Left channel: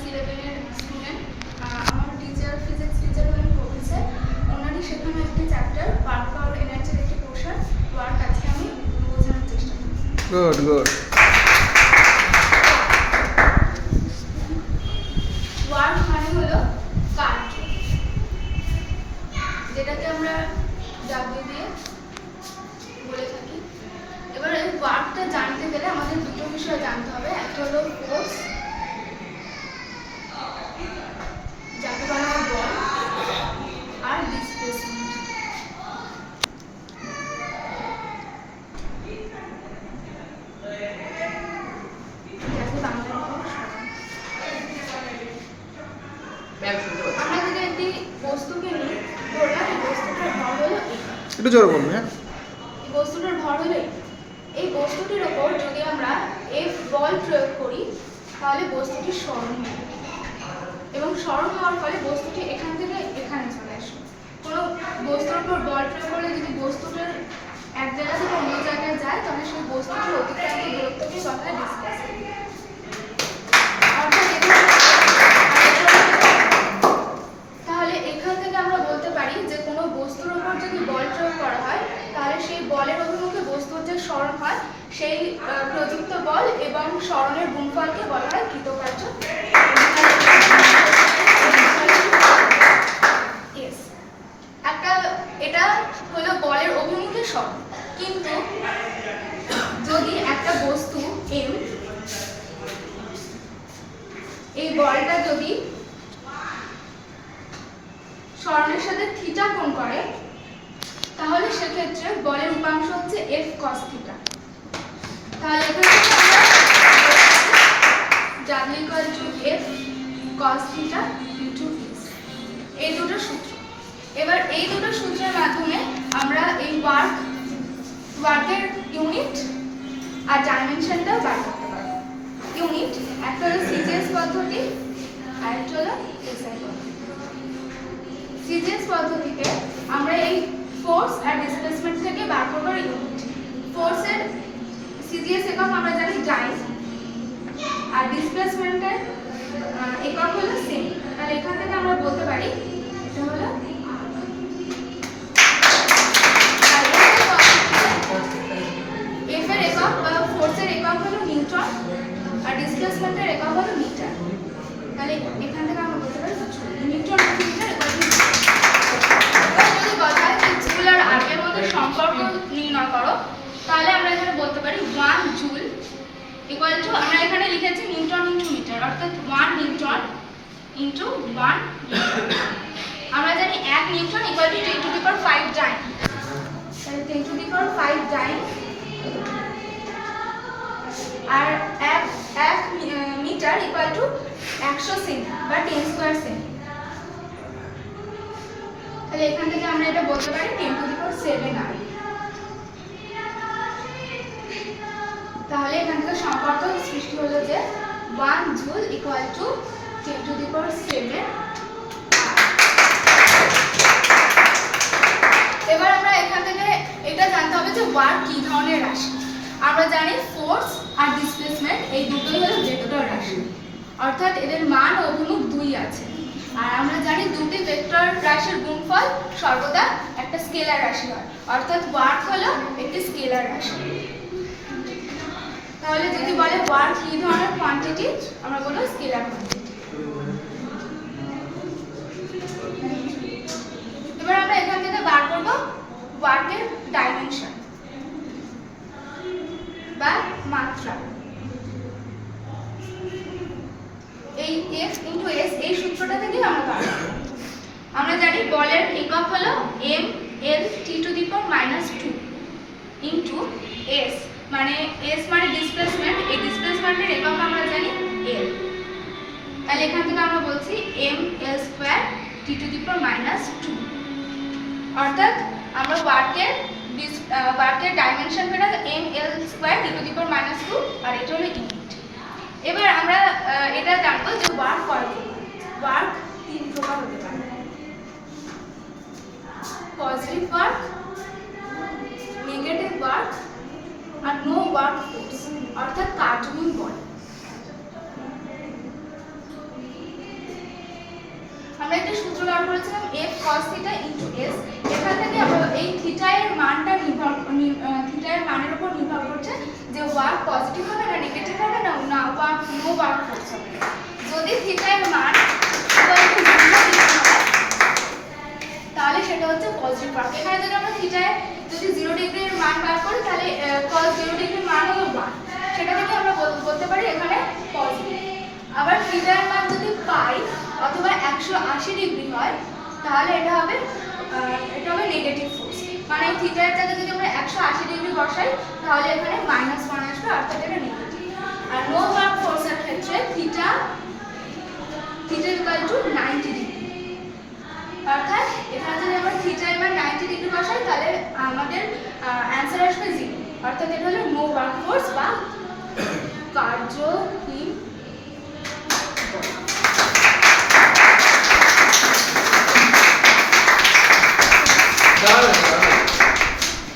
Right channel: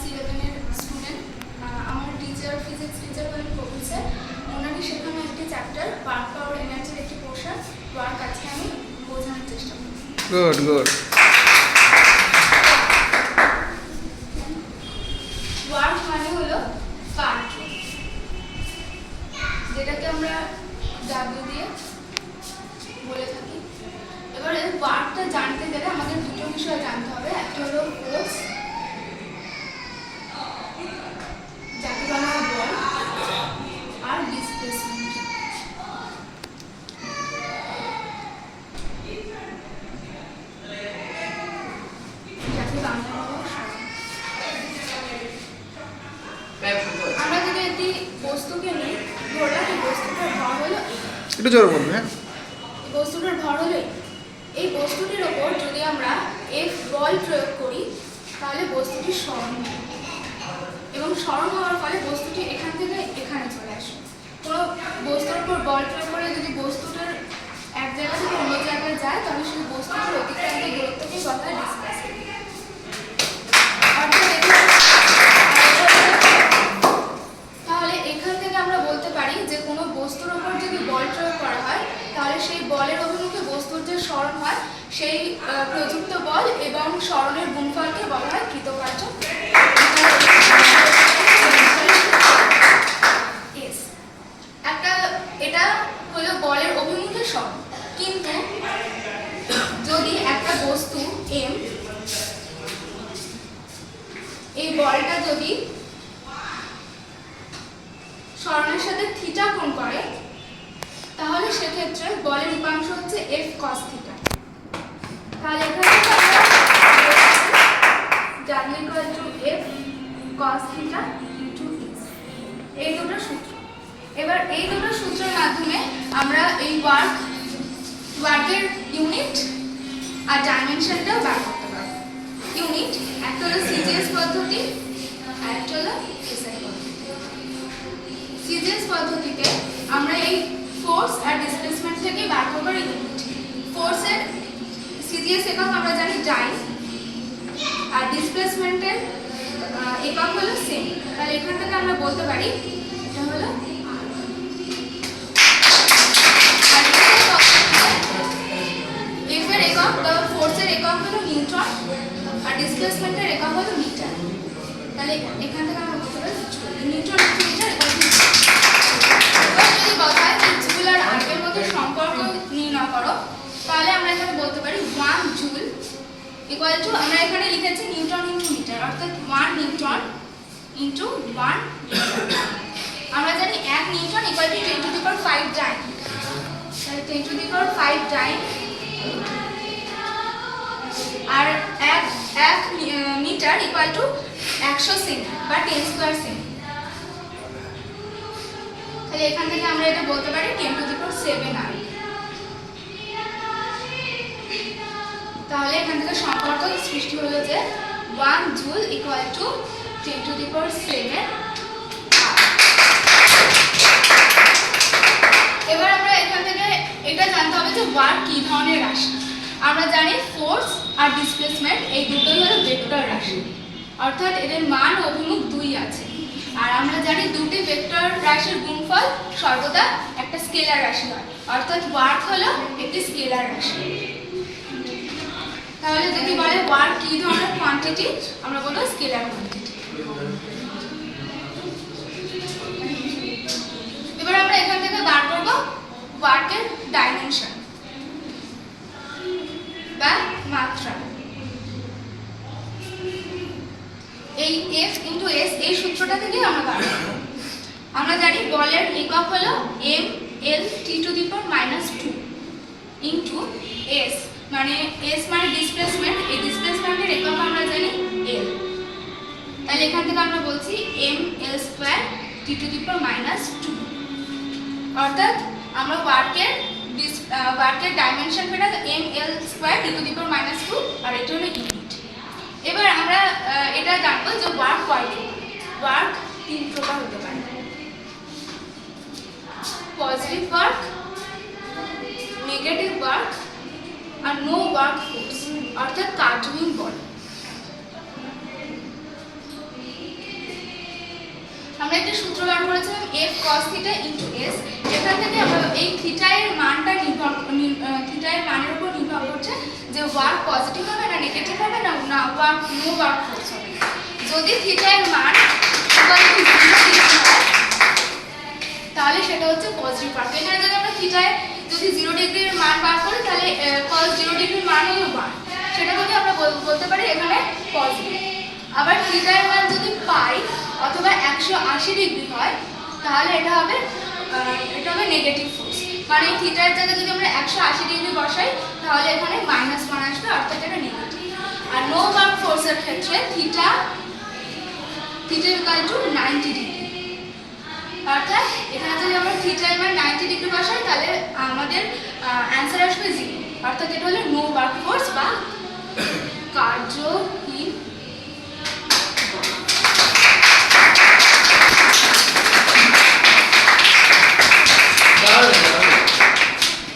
Class ইলেভেনের student আমার teacher physics teacher হলেন কবির স্যার ওনারই শেখানো একটি চ্যাপ্টার ওয়ার্ক পাওয়ার এনার্জির একটি পোর্শন ওয়ার্ক আজকে আমি বোঝানোর চেষ্টা করছি। গুড গুড ওয়ার্ক মানে হলো যেটাকে আমরা ডাব্লিউ দিয়ে বলে থাকি। এবারে ওয়ার্কটা জানতে গেলে আমাদের দুটো বিষয় জানতে হবে। একটা হলো ফোর্স যাকে বলা হয় বল আর ডিসপ্লেসমেন্ট যাকে বাংলা বলে সরণ আমরা যদি একটি বস্তুকে নিই ধরলাম এই বস্তুটার ভর হলো একটু জোরে বলবে হ্যাঁ। বস্তুটার ভর হলো এই। বস্তুটির ওপর যদি আমরা এফ বল প্রয়োগ করি তাহলে বস্তুটি সরণ হয়। এবং সরণ হওয়ার ফলে বস্তুটি এখান থেকে এখানে চলে আসে। কোনো বস্তুর উপর বল প্রয়োগ করে যদি বস্তুটার এক জায়গা থেকে অন্য জায়গায় যায় তাহলে সেই বস্তুটির অতিক্রান্ত দূরত্বকে বলা হয় ডিসপ্লেস তাহলে এখান থেকে আমরা বলতে পারি যে কোনো বস্তুর উপর যদি বল প্রয়োগ করা হয়, তাহলে সেই বলের অভিমুখে বস্তুর যে স্মরণ হয়, সেই প্রযুক্ত বল এবং স্মরণের গুণফলকে বলা হয় কৃতকার্য। একটা, এটা হলো বলের অভিমুখে স্মরণ। কিন্তু যদি একটা বস্তু এম এই বলটা যদি স্মরণের সাথে থিটা কোণ করে তাহলে সেক্ষেত্রে বলের উপাংশ হচ্ছে এফ কস থিটা তাহলে এখান থেকে এফ কস থিটা এই দুটো সূত্র। এবার এই দুটো সূত্রের মাধ্যমে আমরা এই ওয়ার্ক, ওয়ার্কের ইউনিট আর ডাইমেনশনটাও বার করতে পারব। ইউনিট একটা হলো সিজিএস পদ্ধতি, আর একটা হলো এসআই পদ্ধতি। সিজিএস পদ্ধতিতে আমরা এই ফোর্স আর ডিসপ্লেসমেন্ট থেকে বার করবার ইউনিট ফোর্সের সিজিএস একক আমরা জানি ডাইন আর ডিসপ্লেসমেন্টের একক হলো সেম তাহলে এখান থেকে আমরা বলতে পারি এটা হলো একক ফোর্সের একক আর ডিসপ্লেসমেন্টের একক মিটার তাহলে এখান থেকে আমরা বলতে পারি নিউটন মিটার এবার যদি বলা হয় সম্পর্ক নির্ণয় করো। তাহলে আমরা এখানে বলতে পারি ওয়ান জুল ইকুয়াল টু আমরা এখানে লিখেছি নিউটন ইন্টু মিটার, অর্থাৎ ওয়ান নিউটন ইন্টু ওয়ান আমরা জানি এক Newton equal to ten to the power five time তাহলে ten to the power five time আর এক এক মিটার ইকুয়াল টু একশো সেমি বা টেন স্কোয়ার সেমি। তাহলে এখান থেকে আমরা এটা বলতে পারি ten to the power seven আর তাহলে এখান থেকে সম্পর্ক সৃষ্টি হলো যে one joule equal to ten to the power seven এবার আমরা এখান থেকে এটা জানতে হবে যে ওয়ার্ক কি ধরনের রাশি। আমরা জানি ফোর্স আর ডিসপ্লেসমেন্ট এই দুটোই হলো ভেক্টর রাশি। অর্থাৎ এদের মান অভিমুখ দুই আছে। আর আমরা জানি দুটি ভেক্টর রাশির গুণফল সর্বদা একটা স্কেলার রাশি হয়। অর্থাৎ ওয়ার্ক হলো একটি স্কেলার রাশি। তাহলে যদি বলে ওয়ার্ক কি ধরনের কোয়ান্টিটি আমরা বলব স্কেলার কোয়ান্টিটি এবার আমরা এখান থেকে বার করব ওয়ার্কের ডাইমেনশন বা মাত্রা। এই এফ ইন্টু এস এই সূত্রটা থেকে আমরা বার করব। আমরা জানি বলের একক হলো M L T to the power minus two into S মানে এস মানে ডিসপ্লেসমেন্ট এই ডিসপ্লেসমেন্টের একক আমরা জানি এল তাহলে এখান থেকে আমরা বলছি M L square T to the power minus two অর্থাৎ আমরা ওয়ার্কের ডিস ওয়ার্কের ডাইমেনশন পেটা M L square T to the power minus two আর এটা হলো ইউনিট এবার আমরা এটা জানব যে ওয়ার্ক কয় ওয়ার্ক তিন প্রকার হতে পারে। Positive work no work force, অর্থাৎ কার্যহীন বল। আমরা একটা সূত্র বার করেছিলাম F cos theta into S এখান থেকে এই থিটা এর মানটা নির্ভর থিটা এর মানের উপর নির্ভর করছে যে ওয়ার্ক পজিটিভ হবে না নেগেটিভ হবে না না ওয়ার্ক নো ওয়ার্ক ফোর্স হবে। যদি থিটা এর মান তাহলে সেটা হচ্ছে পজিটিভ ওয়ার্ক এখানে যদি আমরা জিরো ডিগ্রির মান বার করি তাহলে জিরো ডিগ্রির মান হলো সেটা থেকে আমরা বলতে পারি এখানে পজিটিভ আবার থিটার মান যদি পাই, অথবা একশো আশি ডিগ্রি হয়, তাহলে এটা হবে এটা হবে নেগেটিভ ফোর্স মানে এই থিটার জায়গায় যদি আমরা একশো আশি ডিগ্রি বসাই, তাহলে এখানে মাইনাস ওয়ান আসবে, অর্থাৎ এটা নেগেটিভ আর নো ওয়ার্ক ফোর্সের ক্ষেত্রে theta theta equal to ninety degree অর্থাৎ এখানে যদি আমরা থিটা এবার নাইনটি ডিগ্রি বসাই, তাহলে আমাদের অ্যান্সার আসবে জিরো অর্থাৎ এটা হলো নো ওয়ার্ক ফোর্স বা